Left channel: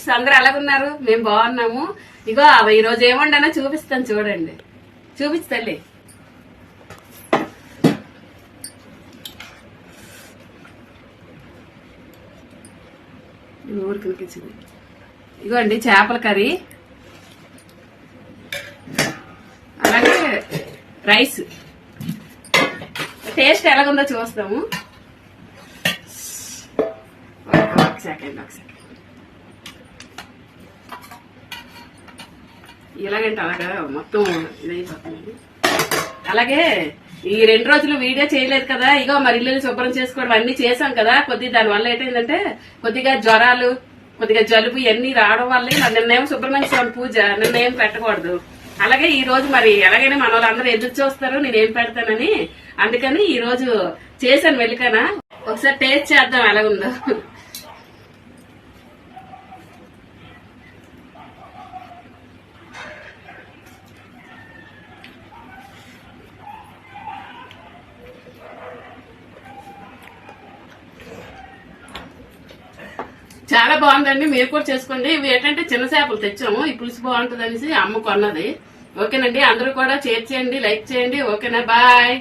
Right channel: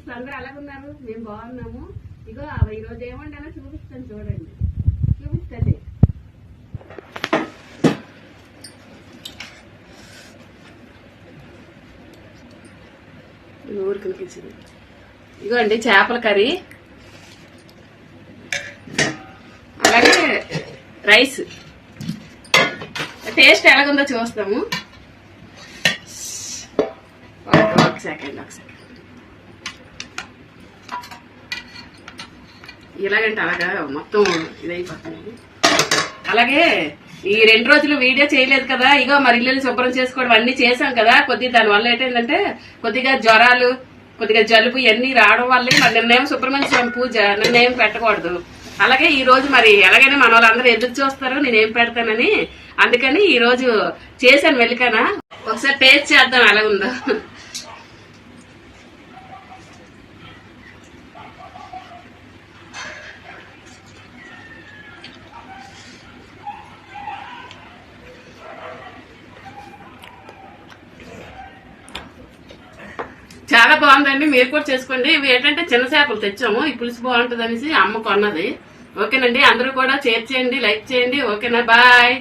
Friends, అందరూ ఎలాగున్నారు? మేము బాగున్నాము. ఇగో ఈ రోజు ఏమండనా చూపిస్తాను, చూడండి. చూపిస్తలే. ఊరికి ఇగో అండి చేపల కర్రీ, అలాగే రైస్. టేస్ట్ ఎలాగుందో చూస్తాము. ఒక సెకండ్. ఇలాగంటే అలాగా మొత్తం ఇదైపోతుంది. అలాగే ఈ 2 రోజులు వీడియో చేయలేదు కదా, ఇగో మరి ఇల్లు శుభ్రం చేసుకోవడం అన్ని చేసాం కదా. కొద్దిగా దానివల్ల ఏంటంటే కొద్దిగా జ్వరాలు, కొద్దిగా జలుబు ఇవన్నీ రావడం వల్లే మరి నిన్నేం సుబ్రహ్మణ్య పూజ, నిన్నేం పెట్టకూడదు. అలాగే ఈ రోజు మరి ఎలాగైనా మన వాళ్ళందరూ ఎదురు చూస్తారు నేనేం పెడతానని, అందుకని ఈ రోజు చేశాను. వెళ్ళికనా ఒకసారి టేస్ట్ చేద్దాం ఎలాగుందో. చాలా బాగుందండి, మీరు కూడా చేసుకోండి. ఇవి ఏంటంటే చిన్న చేపలు తెచ్చాము, ఈ పులుసు బాగుంటుంది అనేసి అమ్మ కొన్నది. ఓకేనండి, అందరూ కూడా షేర్ చేయండి, లైక్ చేయండి. ఓకేనా, బాయ్.